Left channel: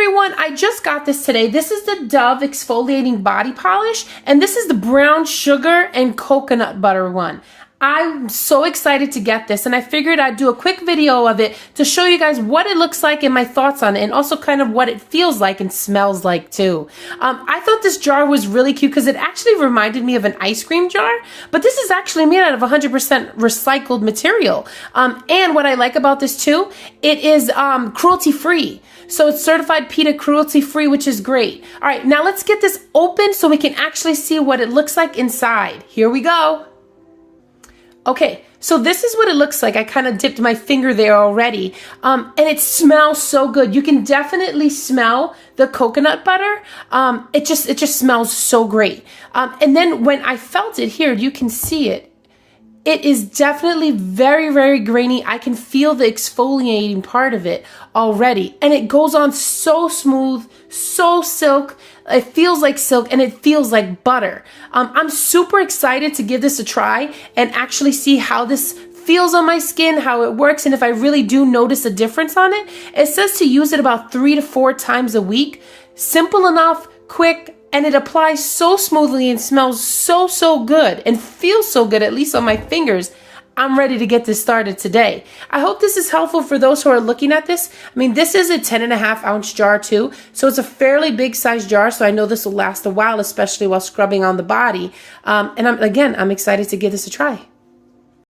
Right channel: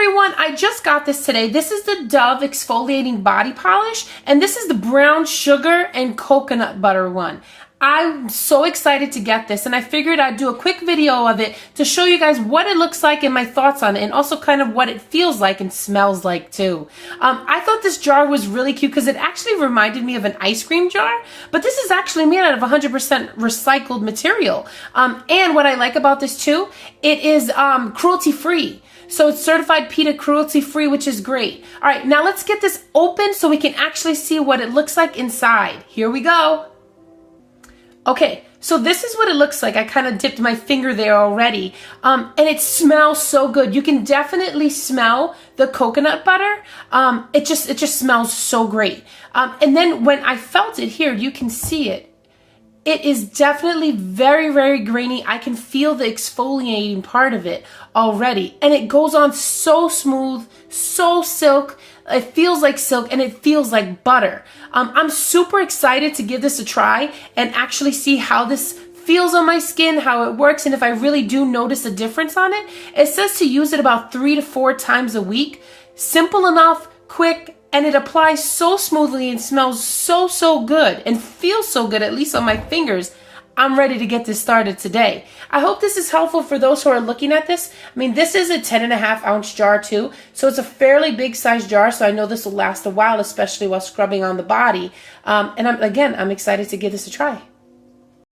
everyone, I just got this today. This is the Dove Exfoliating Body Polish, and this is the brown sugar and coconut butter one. I'm so excited to get this, and I figured I'd do a quick video of it to show you guys what it looks like and my thoughts on it, and also kind of what it feels like and smells like too. I thought this jar was really cute because it actually reminded me of an ice cream jar, but this is actually made out of 100% recycled material. And what I like about this too, it is cruelty-free. So it's certified PETA cruelty-free, which is great. All right, now let's get this open so we can actually see what it looks like inside. Here we go. Okay, so this is what it looks like. I kind of dipped my finger there already. And it smells so good. You can definitely smell the coconut butter. It just smells so great. And then when I felt it here, you can see it. It is definitely very, very grainy. I can feel the exfoliating part of it already. And it goes on so smooth, so silk. It feels like silk and it feels like butter. I'm super excited to give this a try and actually see how this feels on my skin, how it works, and if I really do notice a difference on it. It says to use it about 3 to 4 times a week. Simple enough, quick, and it applies so smoothly and smells so good and feels so good, at least on my fingers. I'm ready to get this started today. I hope this is helpful for those who are looking at this. I mean, this is a 10.5-ounce jar too, so it's a fairly big size jar, so I know this will last a while, especially while scrubbing on the body. And I'm excited to give this a try.